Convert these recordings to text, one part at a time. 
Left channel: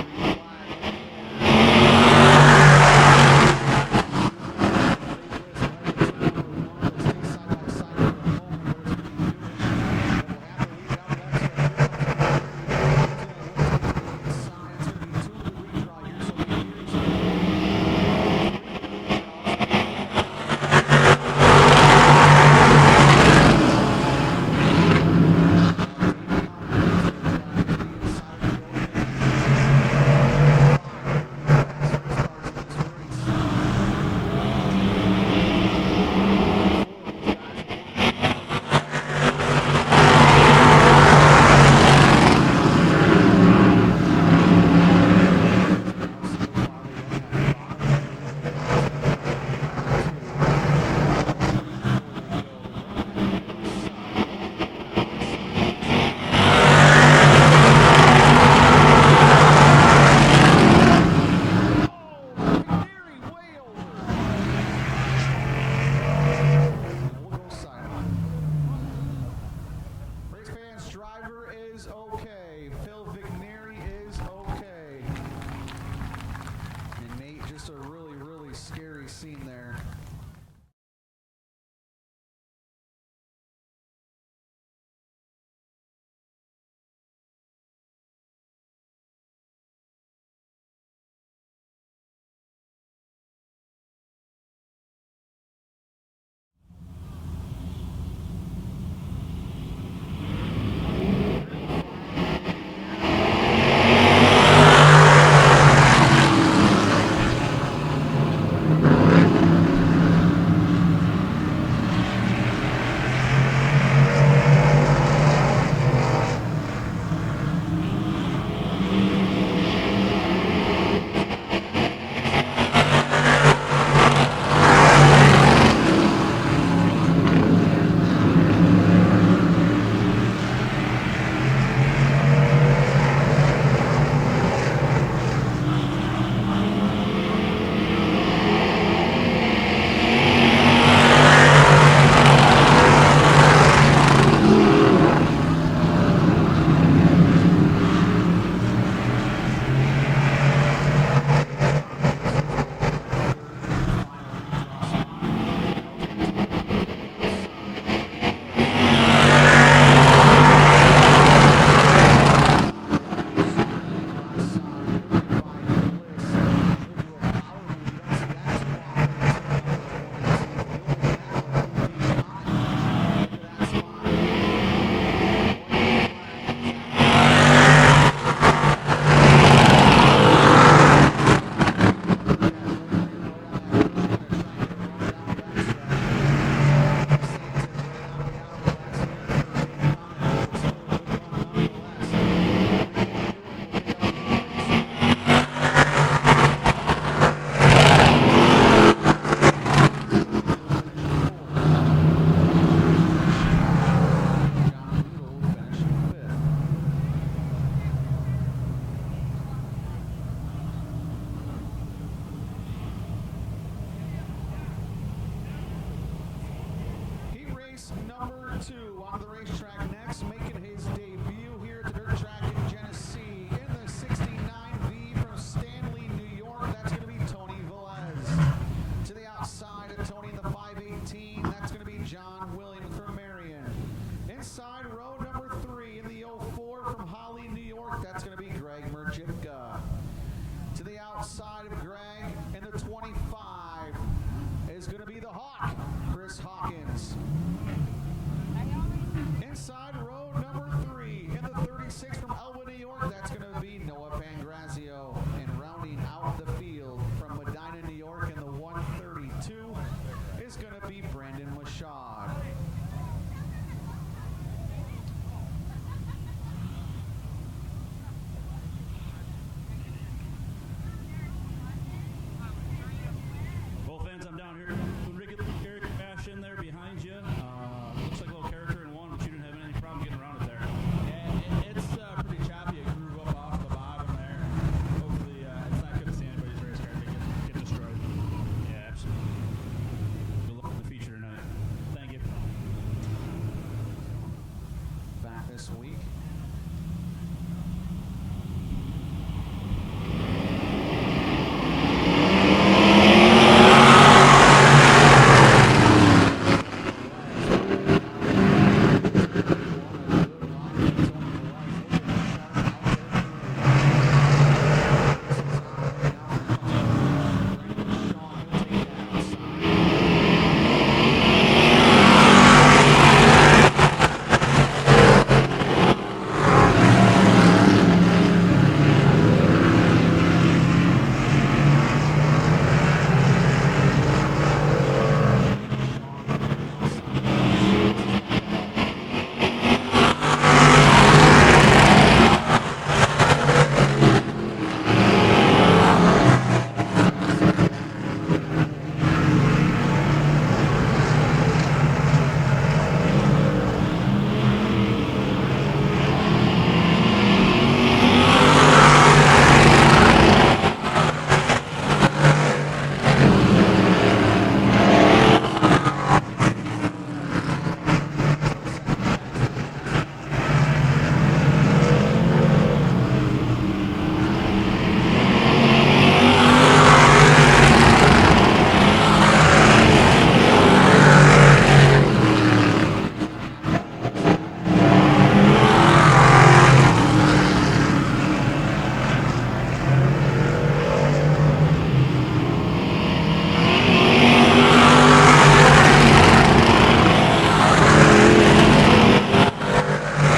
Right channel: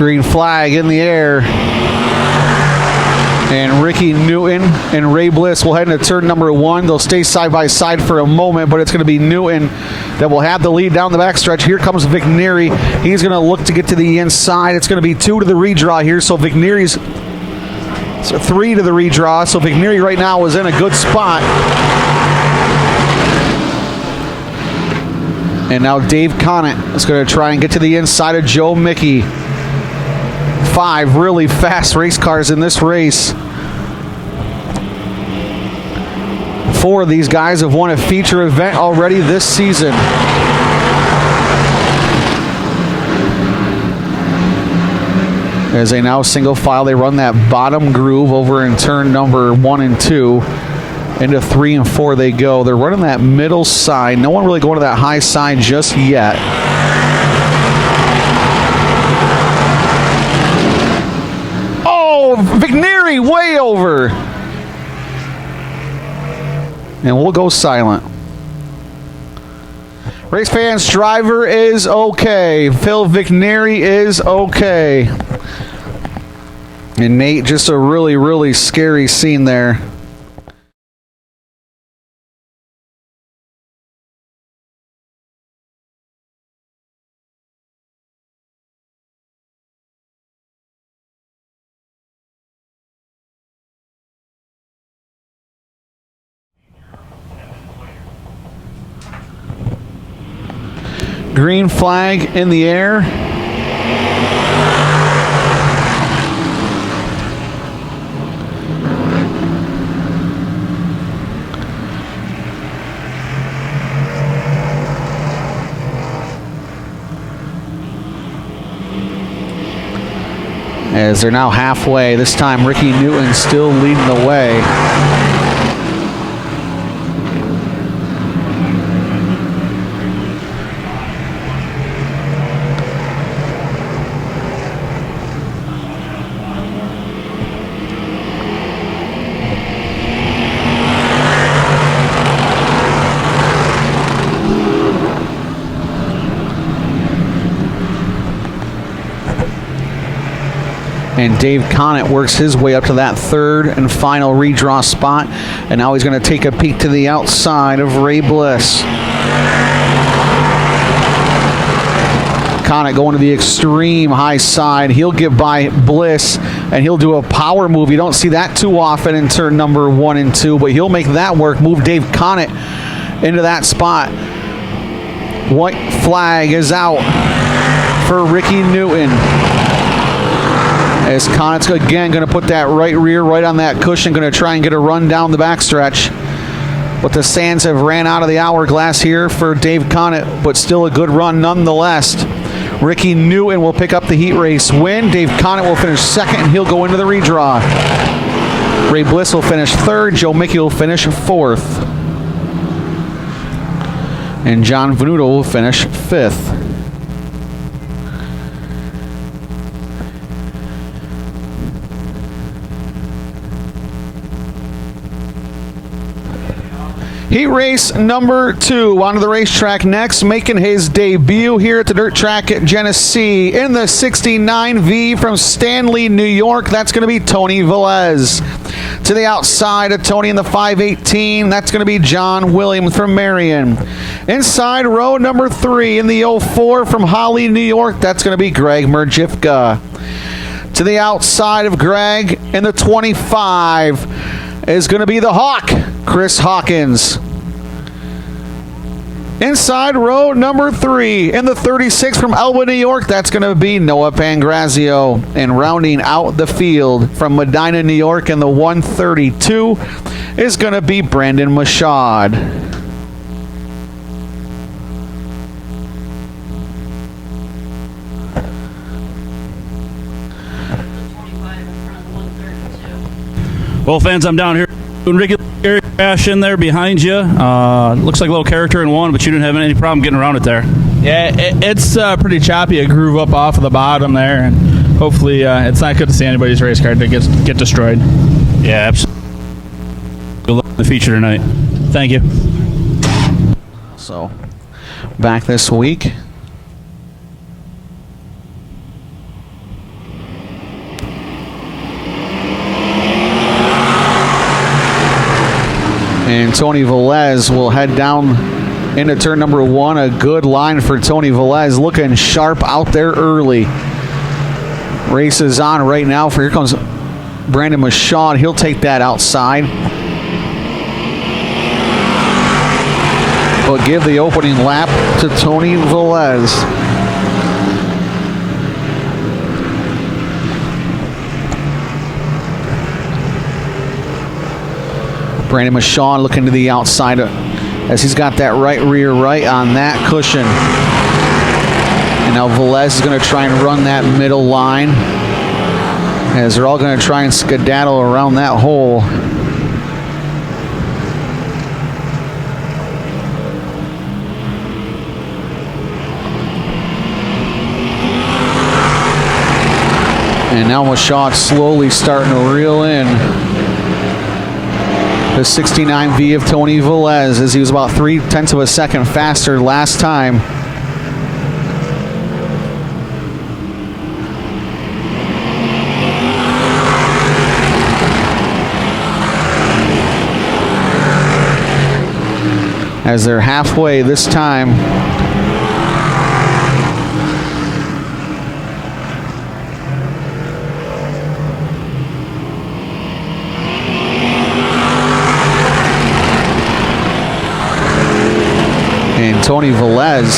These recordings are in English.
Green flag in the air. And Ricky Newton and Ray Bliss will head into turn number 1. They'll stay side by side for a moment, but it's going to be Newton that will have the lead down the backstretch. Here comes Vic Neary. He's going to look to get to the inside. It's going to be 2 to the redraw here, so Vic Neary's 3 to the redraw. So Vic Neary right now is in a good spot. And now Dave Conant is going to try and get to the inside of Joe Mickey. 5 really fast race cars in this race. 4 of these guys have won a feature event already this season. As they now single file, they run that bottom groove over in turn number 1 and 2. Into 3 and 4 they go. They're running that middle side. No one really going to that high side just yet. Oh, Vic Neary way over. And we'll go silent. Race fans, driver is okay. Phil Vic Neary is okay. And Nate, just a really, really scary scene there. Green flag in the air. As they're now halfway, this time Ricky Newton still leading the way. And Dave Conant works his way up to that 3rd and final redraw spot. And now he's going to take a peek to the outside of Ray Bliss. Conant going to the extreme high side. He'll get by Bliss, and he'll do a power move. You don't see that too often in turn number 1 and 2, but he'll make that work. Move Dave Conant into that spot. White flag is out for Ricky Newton. As Conant's again going to put that right rear right on that cushion, going to try and get a run down the backstretch. But the sands have ran out of the hourglass here for Dave Conant, but still a good run nonetheless. Ricky Newton will pick up the heat race win. Dave Conant will finish 2nd. He'll go into the redraw. Ray Bliss will finish 3rd. Joe Mickey will finish 4th. And John Venuto will finish 5th. Heat race number 2 onto the racetrack next, making his debut here at the dirt track at Genesee in the 69V from Stanley, New York. That's going to be Tony Velez. To the outside of Tony in the 518, that's going to be John Williams from Marion. Inside row number 3 in the 04 from Holly, New York, that's going to be Greg Merjifka. To the outside of Greg in the 25 is going to be the Hawk, Chris Hawkins. Inside row number 3 in the 36 from Elba, New York, that's going to be Noah Pangrazio. And rounding out the field from Medina, New York in the 132 is going to be Brandon Mashad. Well, fans, I'm down here doing regular crash in there behind you. Looks like a little character in 1, but you didn't have any problem getting around it there. Yeah, it's pretty choppy. A groove up off of the bottom there, and hopefully it's not good to see anybody's race car to get destroyed. Yeah, absolutely. Good luck with the feature tonight. Thank you. So, back this week. And Tony Velez will head down into turn number 1. A good line for Tony Velez, looking sharp out there early. Race is on right now. Here comes Brandon Mashaw. He'll take that outside. We'll give the opening lap to Tony Velez. Brandon Mashaw looking to the outside as he's got that right rear right on that cushion. And now Velez is going to try and run that middle line as they're all going to try and skedaddle around that hole. And now Mashaw slowly starting to reel in the 69V of Tony Velez, as he was about 0.3 of a second faster last time. As they're halfway this time. Tony Velez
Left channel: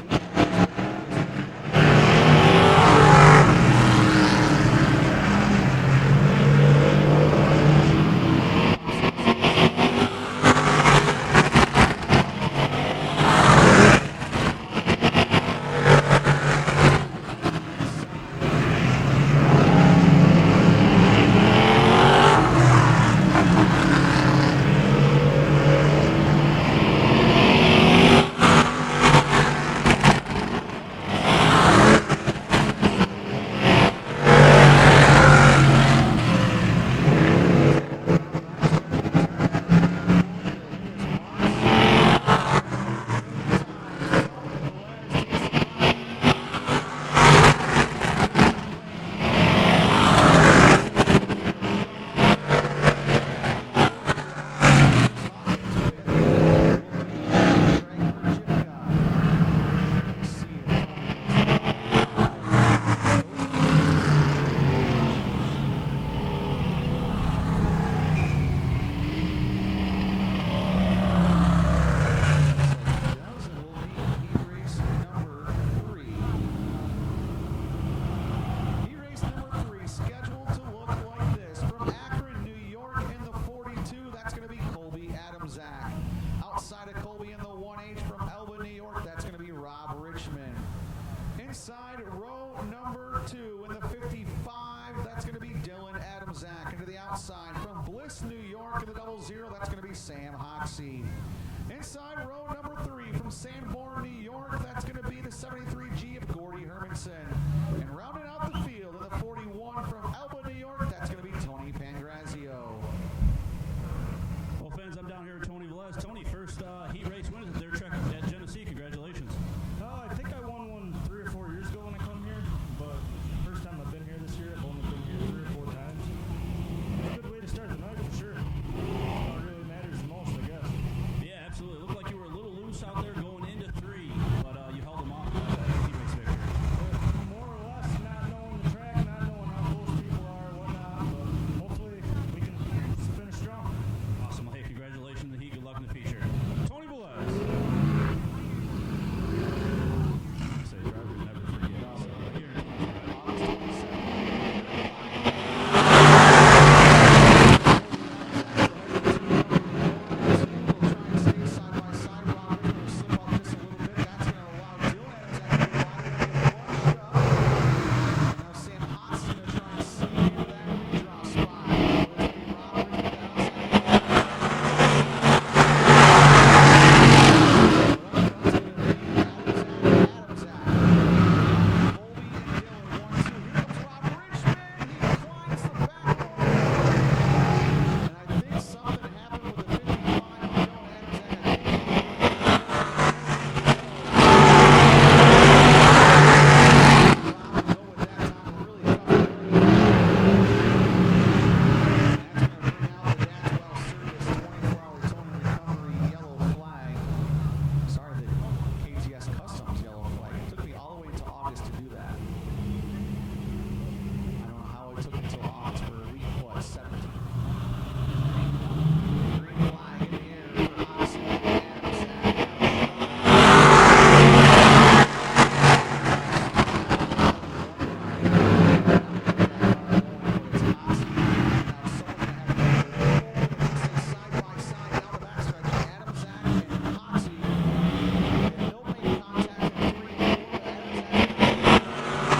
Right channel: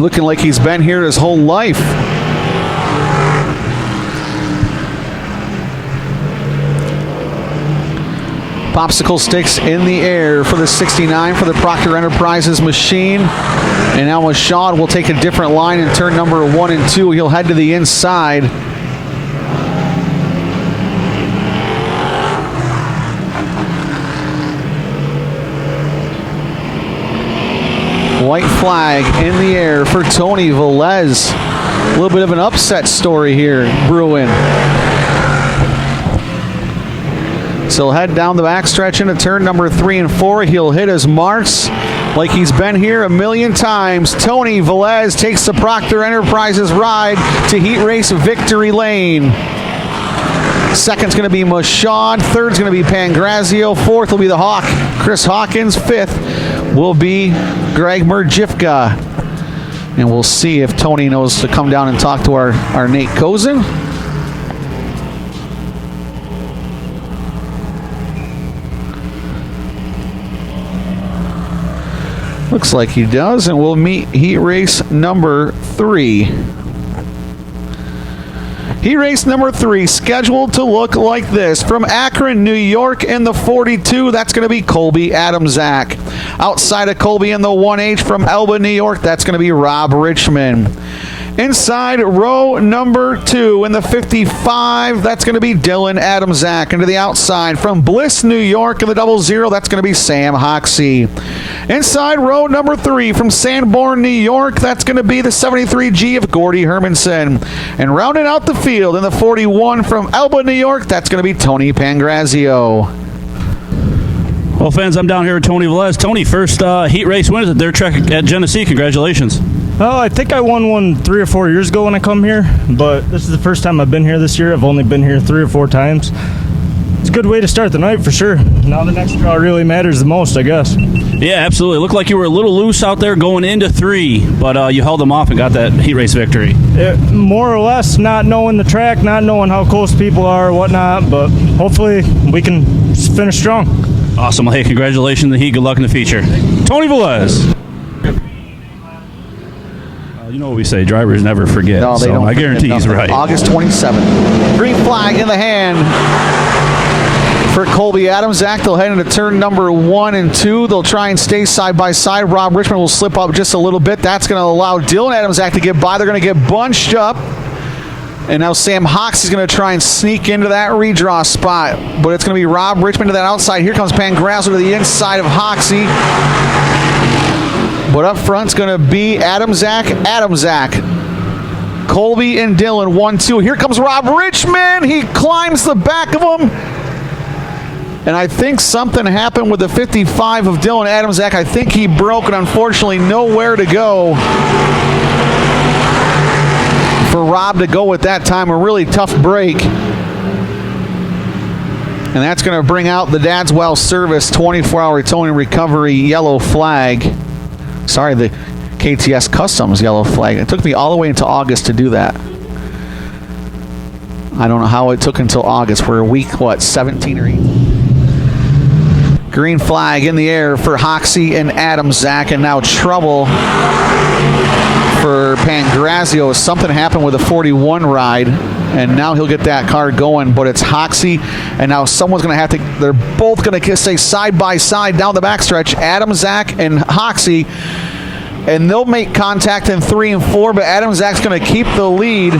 looking like he's been here his whole life. Popsicle sticks in the air for the 69 for the Procter Enterprises machine. And now Mashaw will take a different line in turn number 1 and 2. He'll head to the inside. In the air for Tony Velez. A little bit of an upset story here brewing. So he'll head down the backstretch into turn number 3 and 4. He'll hit his marks like he's been here a million times. Tony Velez takes the Procter Enterprises ride to heat race victory lane. Second's going to be Mashaw. Third's going to be Pangrazio. Fourth will be the Hawk, Chris Hawkins. Fifth will be Greg Merjifka. And we'll see if Tony knows to come down and talk to our Nate Kozin. Looks like he does, and we'll meet heat race number 3. Heat race number 3 scheduled to look like this. From Akron, New York in the 42, that's going to be Colby Adamczak. Outside of Colby in the 1H from Elba, New York, that's going to be Rob Richmond. Inside row number 2 in the 55, that's going to be Dylan Adamczak. Into the outside from Bliss, New York in the 00, that's going to be Sam Hoxie. Inside row number 3 from Sanborn, New York, that's going to be the 73G of Gordy Hermanson. And rounding out the field in the 41 from Elba, New York, that's going to be Tony Pangrazio. Well, fans, I'm down here with Tony Velez. Tony, first heat race win at their track at Genesee. Congratulations. Oh, I think I won one 3 or 4 years ago when I come here, but this is the first time I've been here this year. I've only been here 3 or 4 times. It's a good way to start the night for sure. Now the next draw really matters the most, I guess. Yeah, absolutely. It looked like you were a little loose out there going into 3, but you held them off and got that heat race victory. More or less, not knowing the track, not knowing how close people are, whatnot, but hopefully we can finish strong. Awesome. Well, hey, congratulations in the heat. Good luck in the feature. Tony Velez. You know what we say, drivers never forget. No, they don't. I guarantee he's right. August 27th. Green flag in the hand for Colby Adamczak. They'll head into turn number 1 and 2. They'll try and stay side by side. Rob Richmond will slip up just a little bit. That's going to allow Dylan Adamczak to get by. They're going to get bunched up. And now Sam Hawks is going to try and sneak into that redraw spot. But it's going to be Rob Richmond to that outside. Here comes Pangrazio to the inside of Hoxie. But up front's going to be Adamczak. Colby and Dylan, 1-2. Here comes Rob Richmond. He climbs the back of him. And I think something happened with the 55 of Dylan Adamczak. I think he broke and unfortunately nowhere to go for Rob to go with that time. A really tough break. And that's going to bring out the Dad's Well Service 24-hour towing recovery yellow flag. Sorry, the KTS Customs yellow flag. It took me all the way into August to do that. I don't know how it took until August. We're a week, 17 or 18? Green flag in the air for Hoxie and Adamczak, and now trouble for Pangrazio. Something happened with a 41 ride, and now he'll get that car going, but it's Hoxie, and now someone's going to have to, they're both going to stay side by side down the backstretch, Adamczak and Hoxie, and they'll make contact in 3 and 4, but Adamczak's going to keep the lead.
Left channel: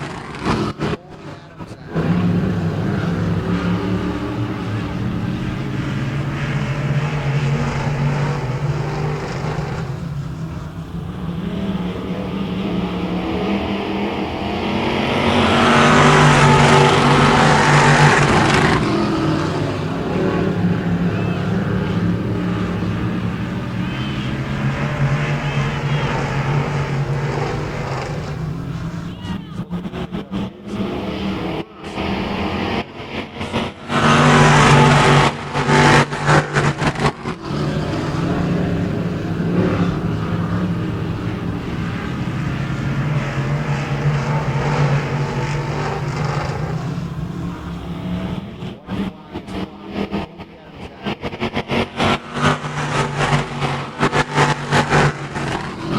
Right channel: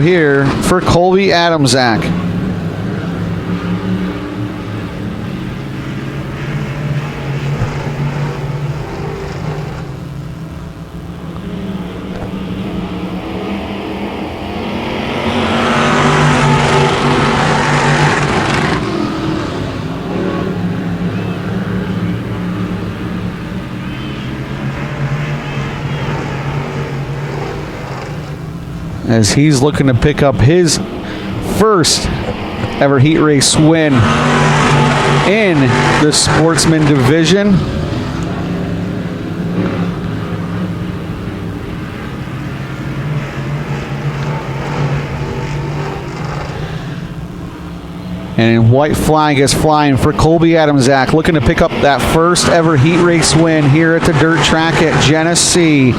Here for Colby Adamczak. As he's looking to pick up his first ever heat race win in the Sportsman division. And white flag is flying for Colby Adamczak, looking to pick up that first ever heat race win here at the dirt track at Genesee.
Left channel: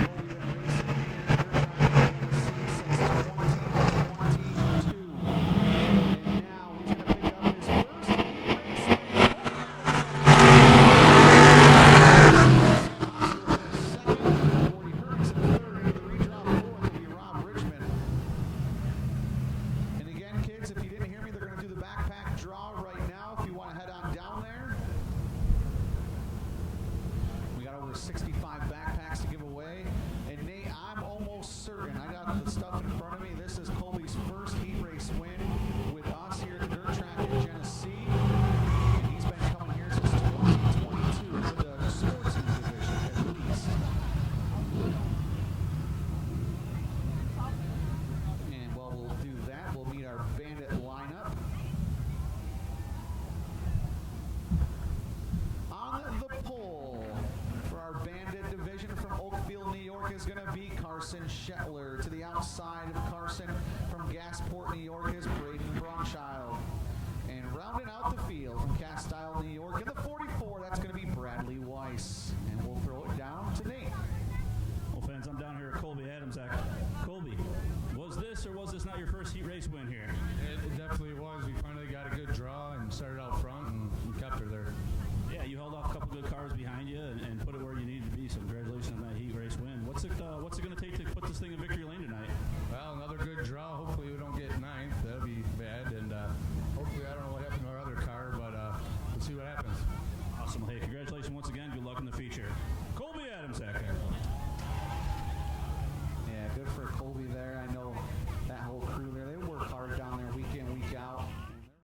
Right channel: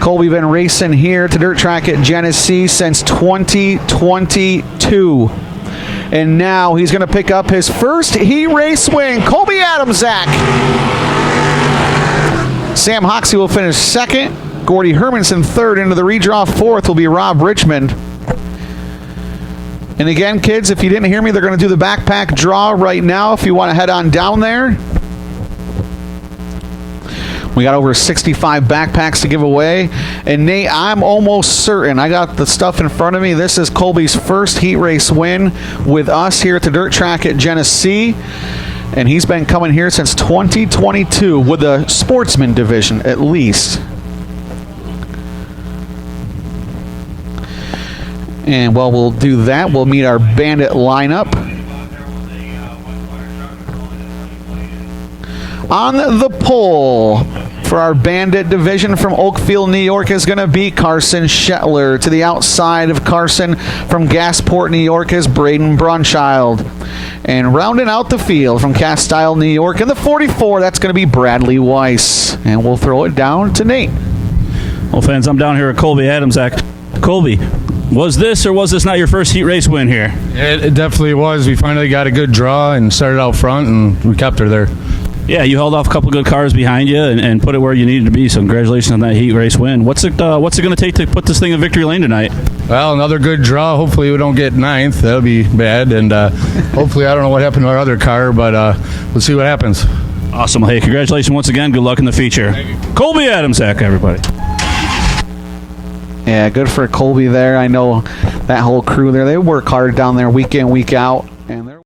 Colby been racing here at the dirt track at Genesee since 2022. And now he's going to pick up his first heat race win. Colby Adamczak. Sam Hoxie will finish second. Gordy Hermanson third. Into the redraw fourth will be Rob Richmond. And again, kids, if you didn't hear me, they're going to do the backpack draw right now if you want to head on down there. We got over 65 backpacks to give away. And Nate, I'm almost certain, I got the stuff in front of me, this is Colby's first heat race win with us here at the dirt track at Genesee. And he's been coming here since 2022 with the Sportsman division, at least. And while we'll do that, we'll meet our Bandit lineup. On the pole for our Bandit division from Oakfield, New York is going to be Carson Shetler. To the outside of Carson from Gasport, New York is Braden Brunchild. And rounding out the field from Castile, New York in the 44, that's going to be Bradley Weiss. And we'll throw it down to Nate. Well, fans, I'm down here at Colby Adamczak. Colby, was this or was this not your first heat race win here? It definitely was. We finally got a good draw and started out front, and we kept her there. Yeah, you held off a couple good cars behind you and put it where you needed to be. So congratulations on that heat race win. What's it going to take to put this thing in victory lane tonight? Well, another good draw. Hopefully we don't get ninth. That'll be bad. And hopefully, I don't know what happened to our other car, but we'll see what happens. Awesome. Hey, congratulations once again. Good luck in the feature. Colby Adamczak, everybody. Yeah, good for Colby there. I know that whole crew there. They work hard down there week in, week out. And they're